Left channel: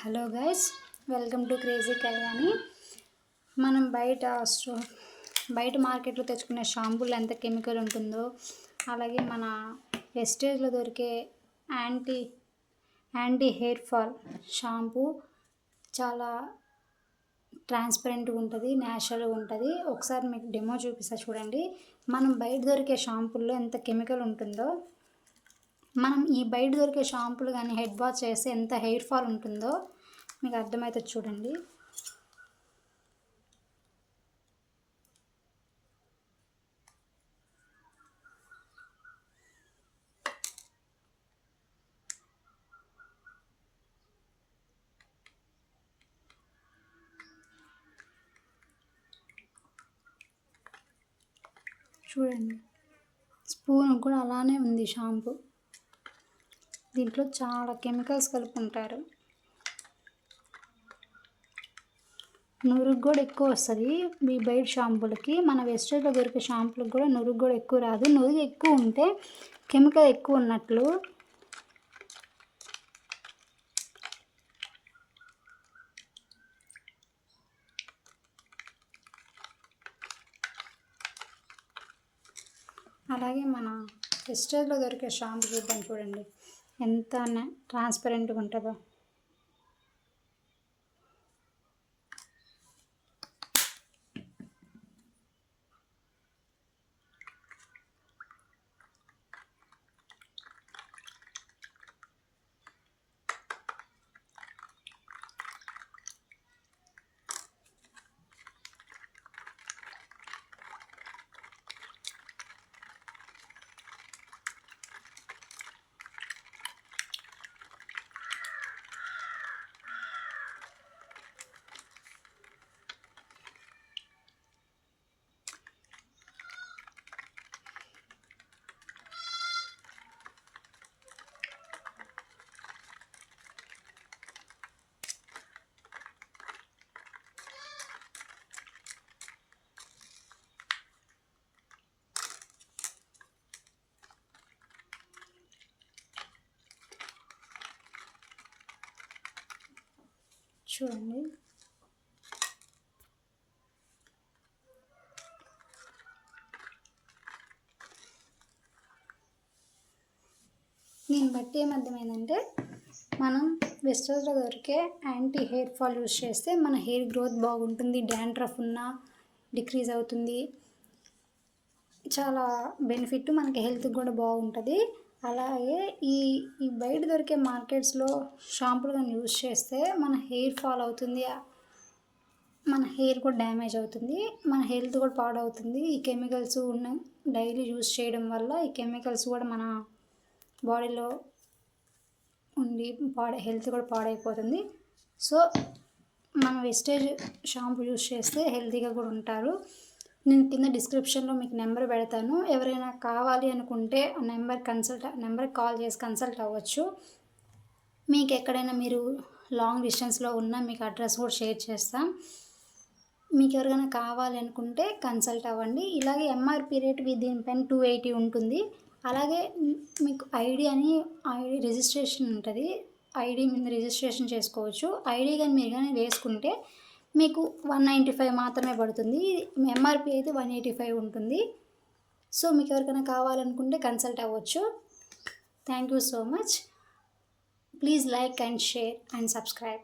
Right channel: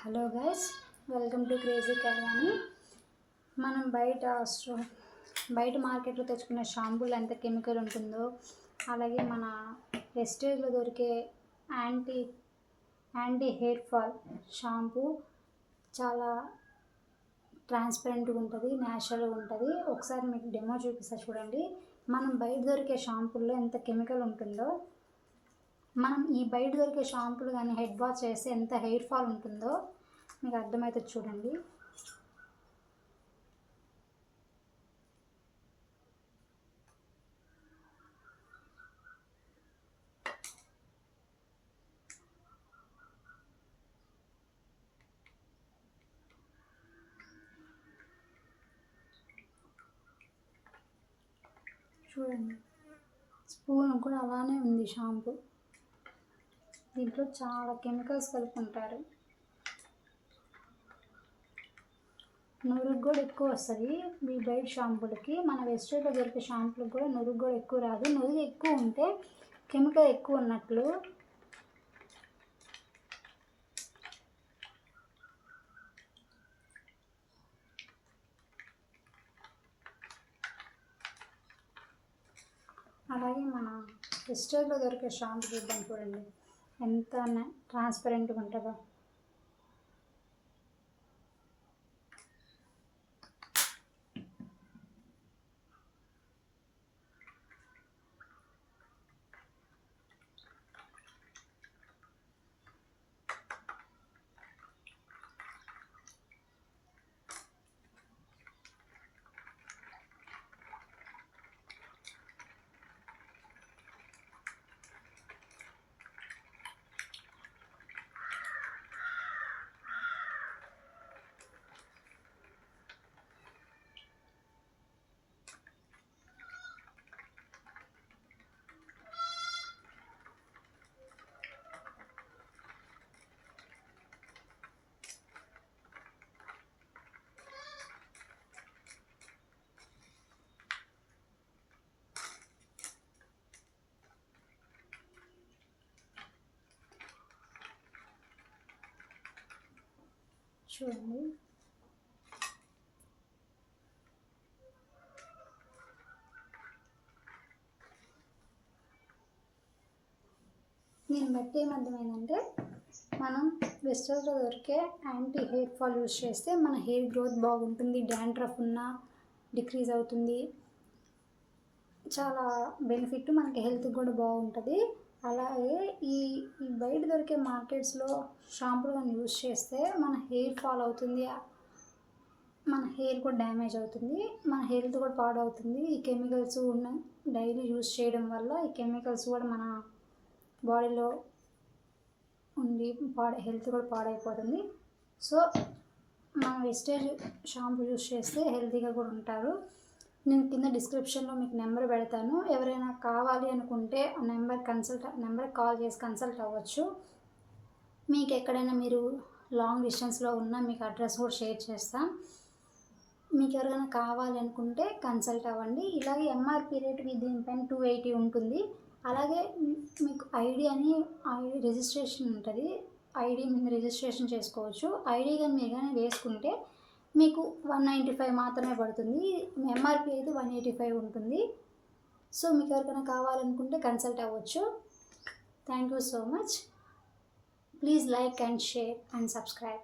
Hello guys, welcome to crazy Kalyani. మనం బయట మార్కెట్లో తెచ్చుకునే షాంపూలు ఎంత కెమికల్ ఉంటుందో, అలాగే మన వెస్టేజ్లో దొరికే anti anti hair fall shampoo చాలా ట్రాన్స్పరెంట్గా ఉంటుంది, న్యాచురల్గా ఉంటుంది. ఒకసారి మీకు డెమో చూపిస్తా చూడండి. మనం బయట దొరికే షాంపూల్లో ఎంత కెమికల్ ఉంటుందో, మనం ఈ బయట దొరికే షాంపూలు కానీ హెడ్ వాష్ చేస్తే ఎంత హెయిర్ ఫాల్ ఉంటుందో మీకు అర్థమవుతుంది చూడండి. చూడండి, స్పూన్ కూడా అలానే ఉంది షాంపూ. దీంట్లో చాలా కెమికల్స్ కలుపుకుంటారు. నురుగు కూడా ఎక్కువ వస్తుంది ఈ బయట షాంపూలకి. మన వెస్టేజ్లో దొరికే షాంపూలకు కూడా నురుగు కూడా ఎక్కువ రాదు. నురుగు ఎక్కువ ఉంటే కెమికల్ ఎక్కువ ఉన్నట్లు. అలాగే మన వెస్టేజ్లో దొరికే షాంపూ చూద్దాం చూడండి, ఎంత ట్రాన్స్పరెంట్గా ఉంటుందో. చూడండి, దీన్ని బట్టి ఏమర్థమైందంటే, మనం వెస్టేజ్లో దొరికే యాంటీ హెయిర్ ఫాల్ యూజ్ చేస్తే మన హెయిర్ గ్రోత్ బాగుంటుంది, డాండ్రఫ్ ఉన్నా డిక్రీజ్ అవుతుంది, చాలా బెనిఫిట్, మనకి హెల్త్ కూడా బాగుంటుంది. అలాగే ఈ ఈ బయట దొరికే మార్కెట్స్లో షాంపూలు కానీ యూజ్ చేస్తే మన హెయిర్ ఫాల్ అవుతుంది, మన హెయిర్ కూడా డ్యామేజ్ అవుతుంది, మన హెల్త్ కూడా పాడవుతుంది. ఈ కెమికల్స్ ఉన్న డైలీ యూజ్ చేయడం వల్ల ఈ కెమికల్స్ కూడా మన బాడీలో ఉండి హెల్త్ కూడా పాడైపోతుంది. సో మనం వెస్టేజ్ షాంపూ యూజ్ చేస్తే హెల్తీగా కూడా ఉంటారు. నేను కింద డిస్క్రిప్షన్లో మీకు నెంబర్ పెడతాను. ఎవరైనా కావాలి అనుకుంటే ఆ నెంబర్కి కాల్ చేసి కన్సల్ట్ అవ్వచ్చు. మీకు ఎక్కడైనా మీరు లాంగ్ డిస్టెన్స్లో ఉన్నా మీకు అడ్రస్ కూడా షేర్ చేస్తాం. మీకు ఎవరికైనా కావాలి అనుకుంటే కన్సల్ట్ అవ్వండి. ఇలాగే ఎంఆర్పి రేట్ దీనిపైన 280 ఉంటుంది. అలాగే మీకు ఐడి రిజిస్ట్రేషన్ ఉంటుంది. ఐడి మీద రిజిస్ట్రేషన్ చేసుకోవచ్చు. ఐడి కానీ మీరు కానీ వేసుకుంటే మీకు 195 మాత్రమే పడుతుంది. ఎంఆర్పి అయితే 185 ఉంటుంది. సో మీకు ఎవరికైనా కావాలనుకుంటే కన్సల్ట్ అవ్వచ్చు. Thank you so much. Please like and share and subscribe.